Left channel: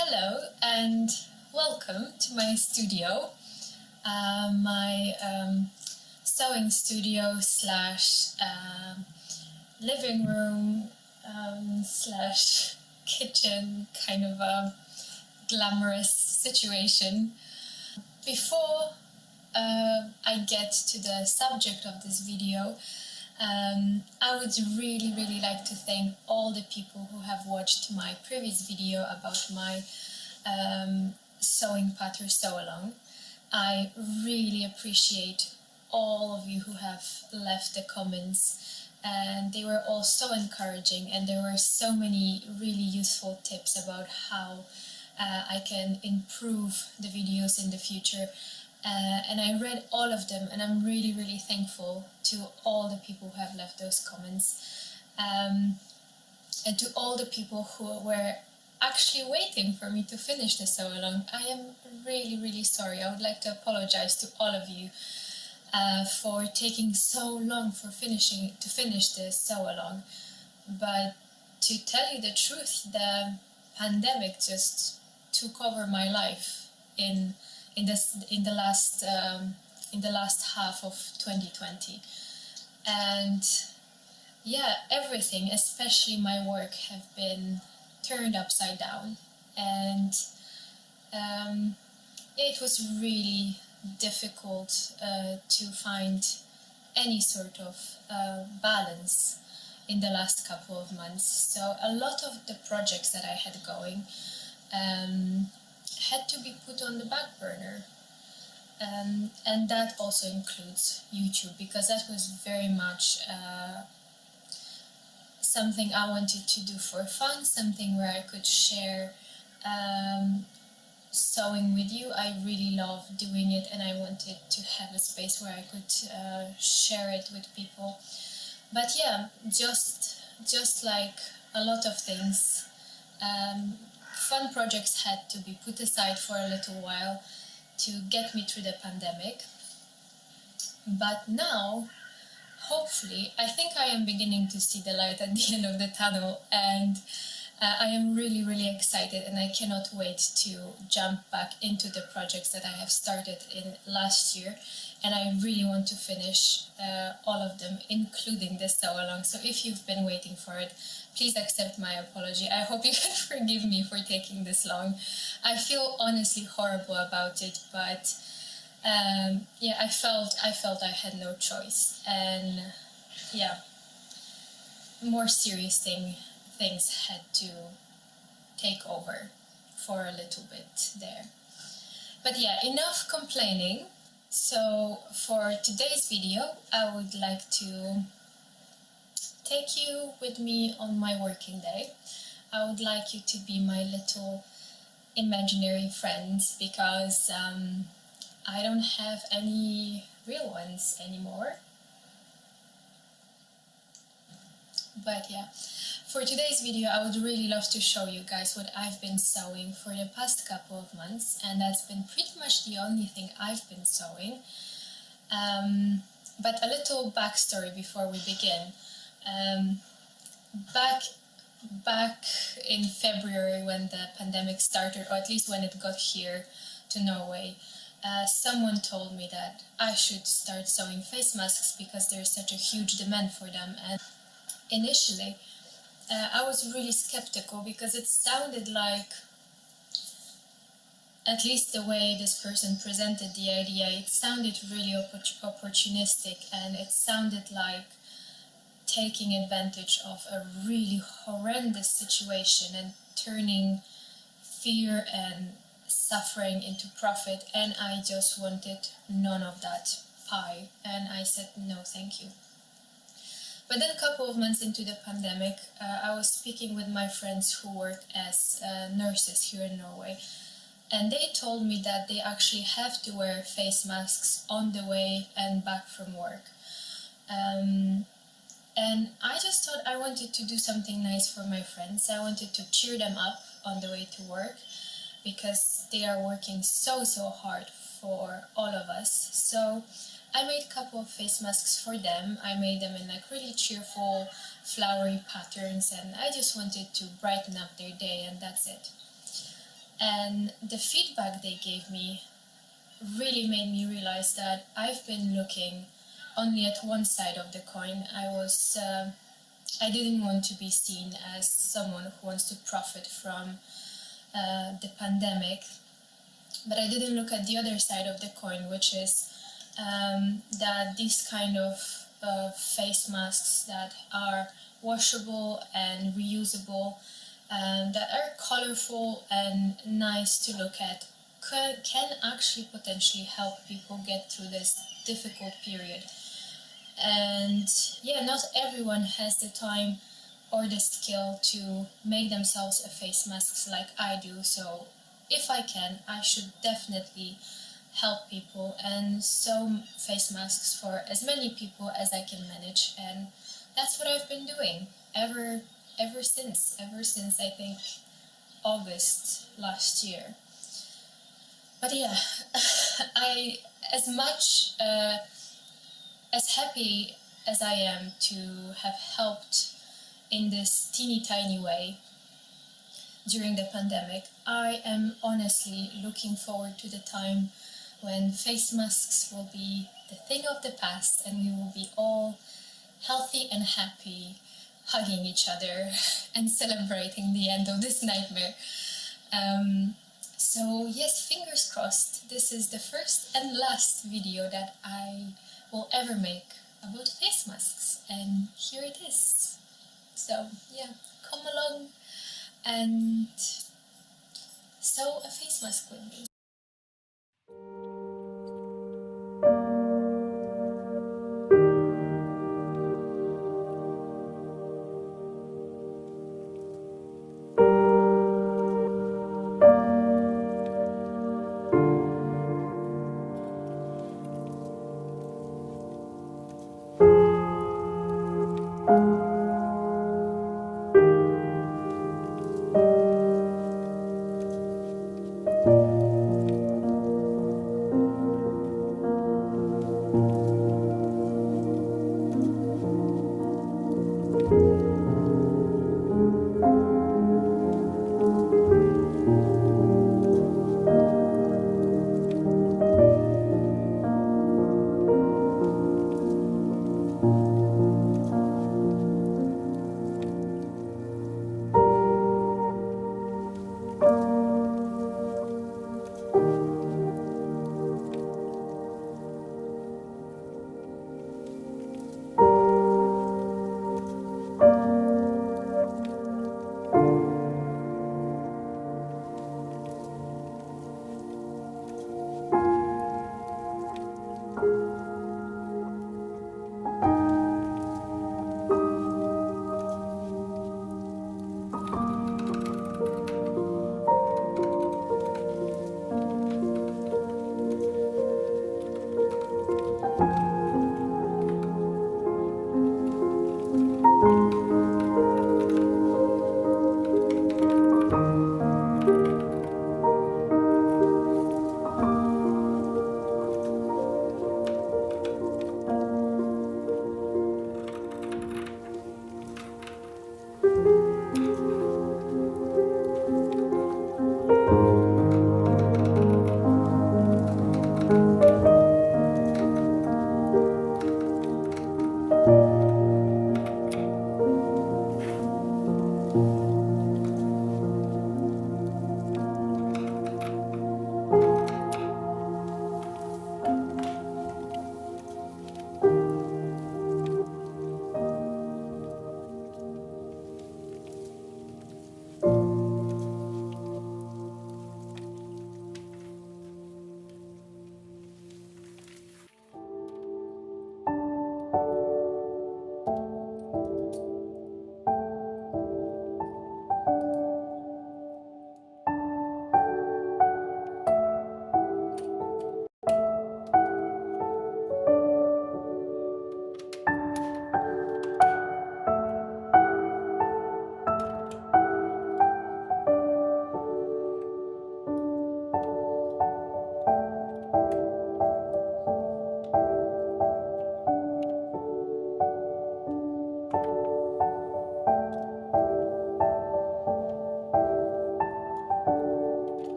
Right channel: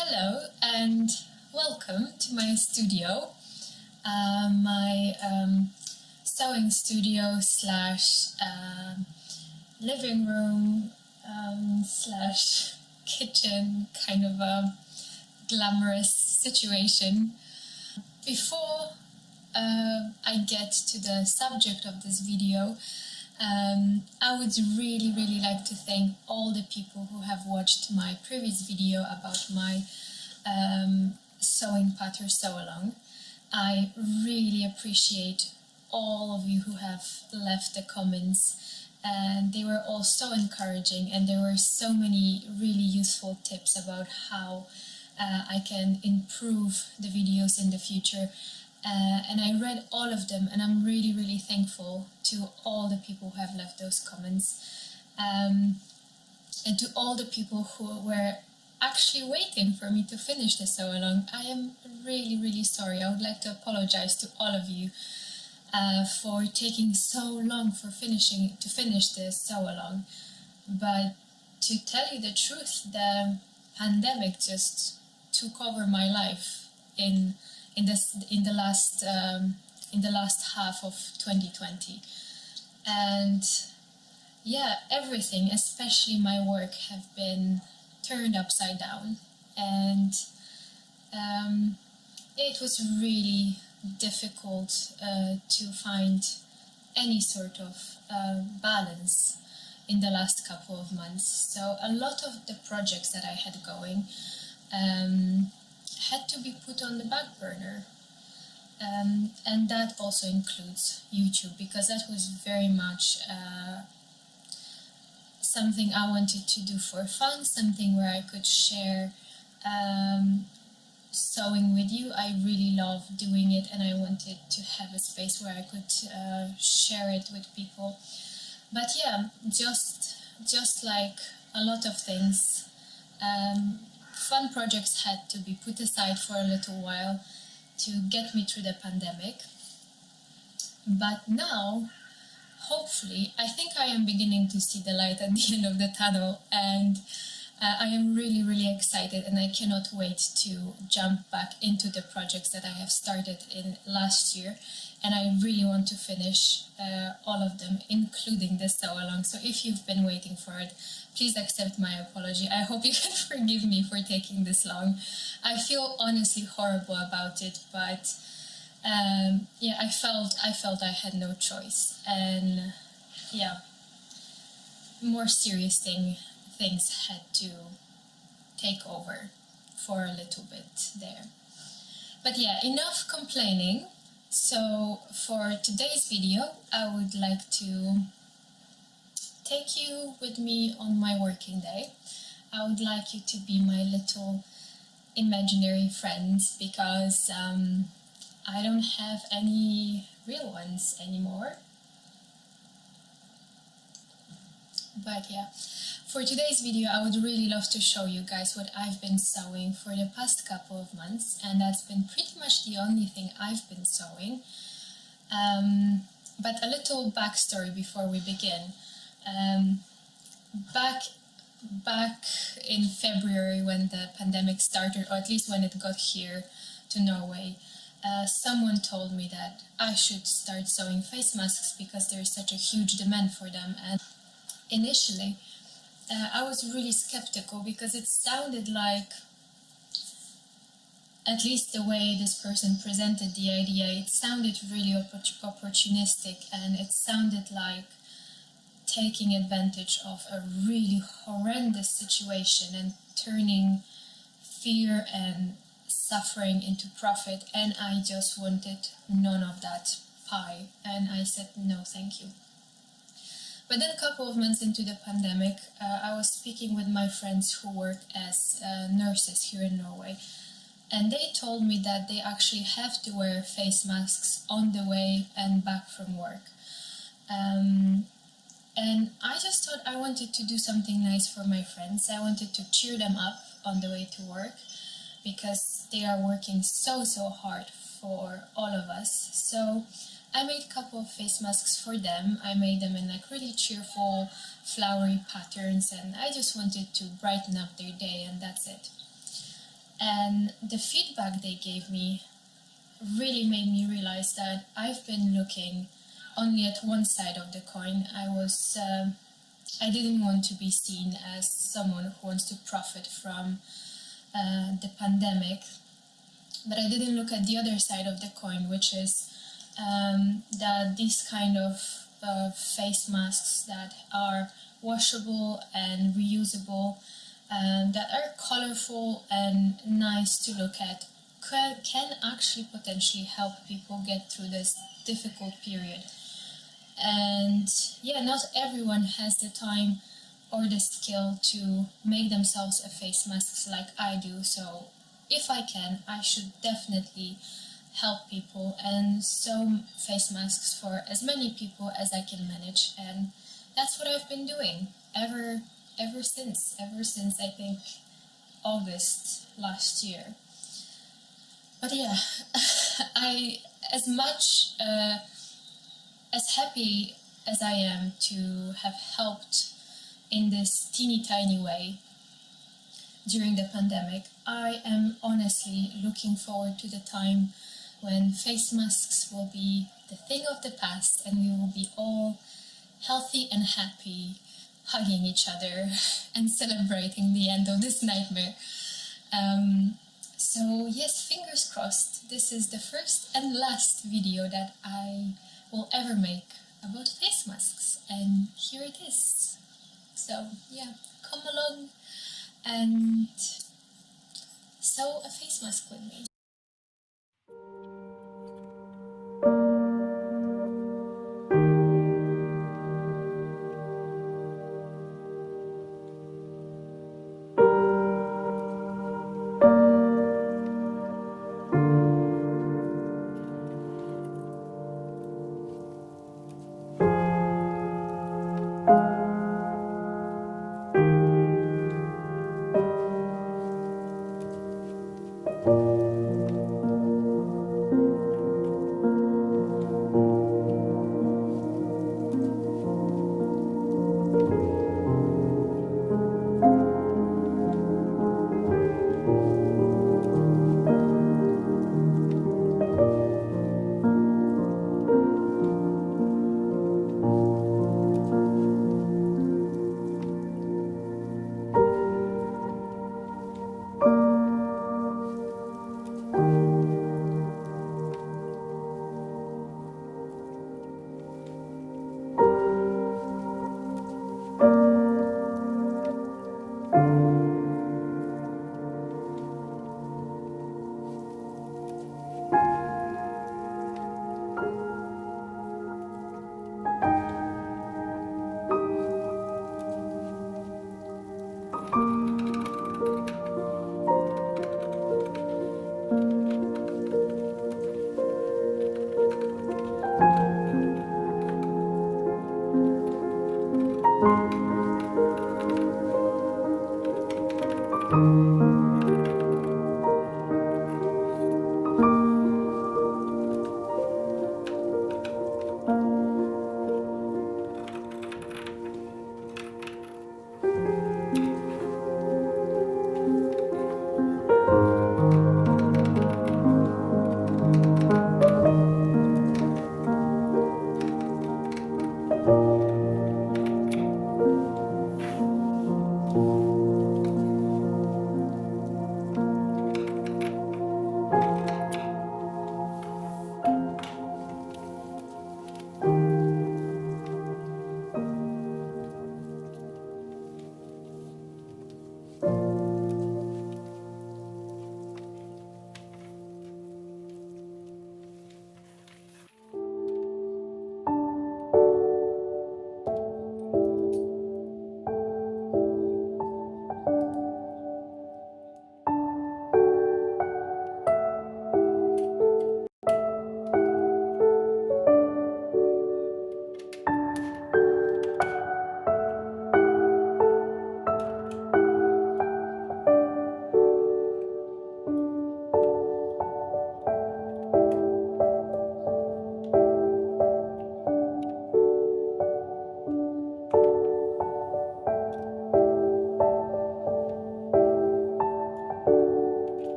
Hello and welcome to my studio, my sewing studio slash living room slash kitchen, kind of a glamorous situation. Before I get to the subject of this video, I would really like to thank all the people who have watched my previous video about my sewing pattern sew along. I really appreciate all of you who have left the comments, and they were all so encouraging, and there were so many really useful tips about how I can improve the videos in the future. And I read all of them, and I'm really thankful to all the people who have left those comments, and to all the people who were actually waiting for me to finish the sew along. I am really sorry. I would like to apologize to all of you for taking so long to finish the sew along. But to tell you the truth, the pandemic just took over my life in the last half of 2020, and yeah, everything, especially my work, have been turned upside down, and it was really difficult to find any sort of balance in the last couple of months. So a lot of the projects that I had going had to be put on the back burner, and that also includes YouTube, because that was very much something I wanted to do for fun, something where I could share sewing with you. I really love doing it, and I wanted to have a space where I could share it with people. But yeah, just like a lot of things, fun projects had to be put aside for a little while to get me through the pandemic. But now, hopefully, I think I am beginning to see the light at the end of the tunnel, and I am really excited, and I cannot wait to jump back into the projects that I have started in last year, and I really want to finish all of them, including the sew along. So if you've been waiting for it, please accept my apology. I hope you can forgive me for taking this long. I feel honestly horrible about it, but yeah, I felt I had no choice, and yeah, more serious things had to take over for a little bit there. But yeah, enough complaining. So for today's video, I would like to take you with me on my working day. I would like you to be my little imaginary friends, because I don't have any real ones anymore. But yeah, for today's video, I would really love to show you guys what I've been sewing for the past couple of months, and that's been pretty much the only thing I've been sewing. But a little backstory before we begin. Back in February, when the pandemic started, or at least when it got here to Norway, someone told me that I should start sewing face masks because there is such a huge demand for them. And initially, I was really skeptical, because it sounded like, at least the way this person presented the idea, it sounded really opportunistic, and it sounded like taking advantage of a really horrendous situation and turning fear and suffering into profit, and I just wanted none of that pie, and I said no thank you. But then a couple of months into the pandemic, I was speaking with my friends who work as nurses here in Norway, and they told me that they actually have to wear face masks on the way and back from work. And I just thought I wanted to do something nice for my friends. I wanted to cheer them up on the way to work, because they are working so hard for all of us. So I made a couple of face masks for them. I made them in like really cheerful, flowery patterns, and I just wanted to brighten up their day, and that's it. And the feedback they gave me really made me realize that I've been looking only at one side of the coin. I didn't want to be seen as someone who wants to profit from the pandemic, but I didn't look at the other side of the coin, which is that these kind of face masks that are washable and reusable, that are colorful and nice to look at, can actually potentially help people get through this difficult period. And yeah, not everyone has the time or the skill to make themselves a face mask like I do. So if I can, I should definitely help people and sew face masks for as many people as I can manage. And that's what I've been doing ever since I think August last year. But yeah, I as happy as I am to have helped in this teeny tiny way during the pandemic, I am honestly looking forward to the time when face masks will be the thing of the past and we will be all healthy and happy, hugging each other and celebrating the end of this nightmare. So yes, fingers crossed, this is the first and last video that I will ever make about face masks, and here it is. So yeah, come along and sew a face mask with me.